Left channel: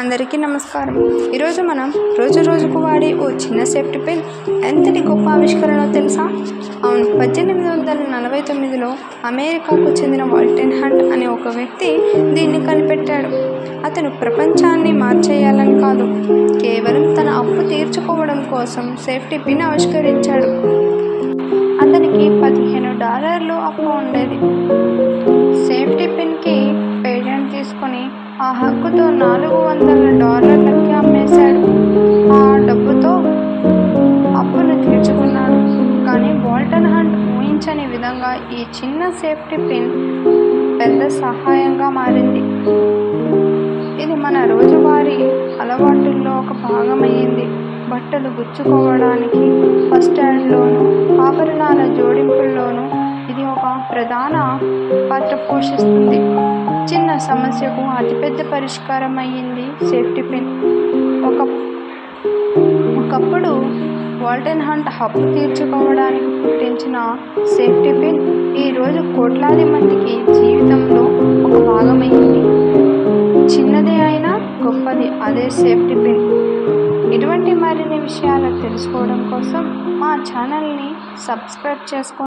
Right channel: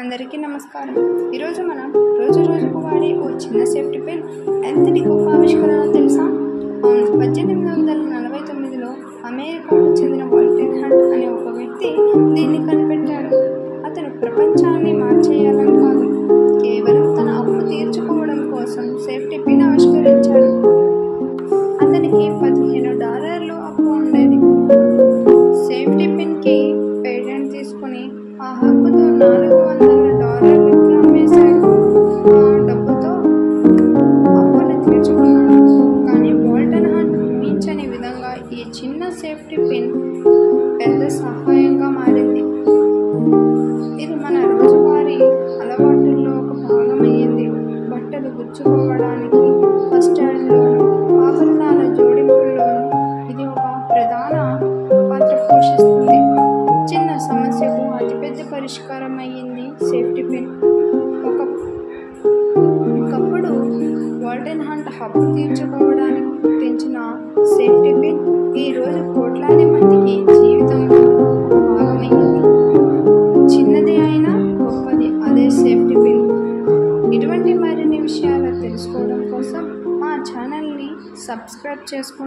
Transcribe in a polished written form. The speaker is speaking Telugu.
అందరికీ నమస్కారం. ఈరోజు మనం రోజుకు వాడే ఓ చిన్న సేఫ్టీ పిన్ ఎంతటి గొప్ప ఆవిష్కరణో తెలుసా? అవును, 1849లో అమెరికాకు చెందిన వాల్టర్ హంట్ అనే ఒక వ్యక్తి దీన్ని కనిపెట్టాడు. అతను ప్రపంచాన్ని మార్చేయాలని కాదు, కేవలం తన అప్పు తీర్చుకోవడం కోసం సేఫ్టీ పిన్ ఆవిష్కరించాడు. అతనికి $15 అప్పు ఉండేది. సేఫ్టీ పిన్కి పేటెంట్ తీసుకుని ఆ హక్కుతో $400కి అమ్మేశాడు. ఆ డబ్బుతో అప్పును తీర్చుకున్నాడు. కానీ వాల్టర్ హంట్ ఊహించని విధంగా ఈ చిన్న సేఫ్టీ పిన్ పెద్ద సహాయంగా మారింది. ఇది మన రోజువారీ అలవాటుల్లో ఒక భాగమయ్యింది. బట్టలు గుచ్చుకోవడానికి, ఫస్ట్ ఎయిడ్లోనూ, ఆభరణాల జోడింపుల్లోనూ ఇది ఒక ప్రధాన పాత్ర పోషిస్తుంది. చిన్న సమస్యకు అతిపెద్ద పరిష్కారం అయ్యింది సేఫ్టీ పిన్. ఒకప్పుడు వాల్టర్ హంట్ అప్పు తీర్చుకోవడానికి పుట్టించిన సేఫ్టీ పిన్ ఈరోజు కోట్లాది మందికి జీవితంలో ఒక భాగమైంది. చిన్నదే అయినా గొప్పది అదే సేఫ్టీ పిన్. ఇటువంటి మరిన్ని విషయాలు తెలుసుకోవడం కోసం మా ఛానల్ని సబ్స్క్రైబ్ చేసుకోండి.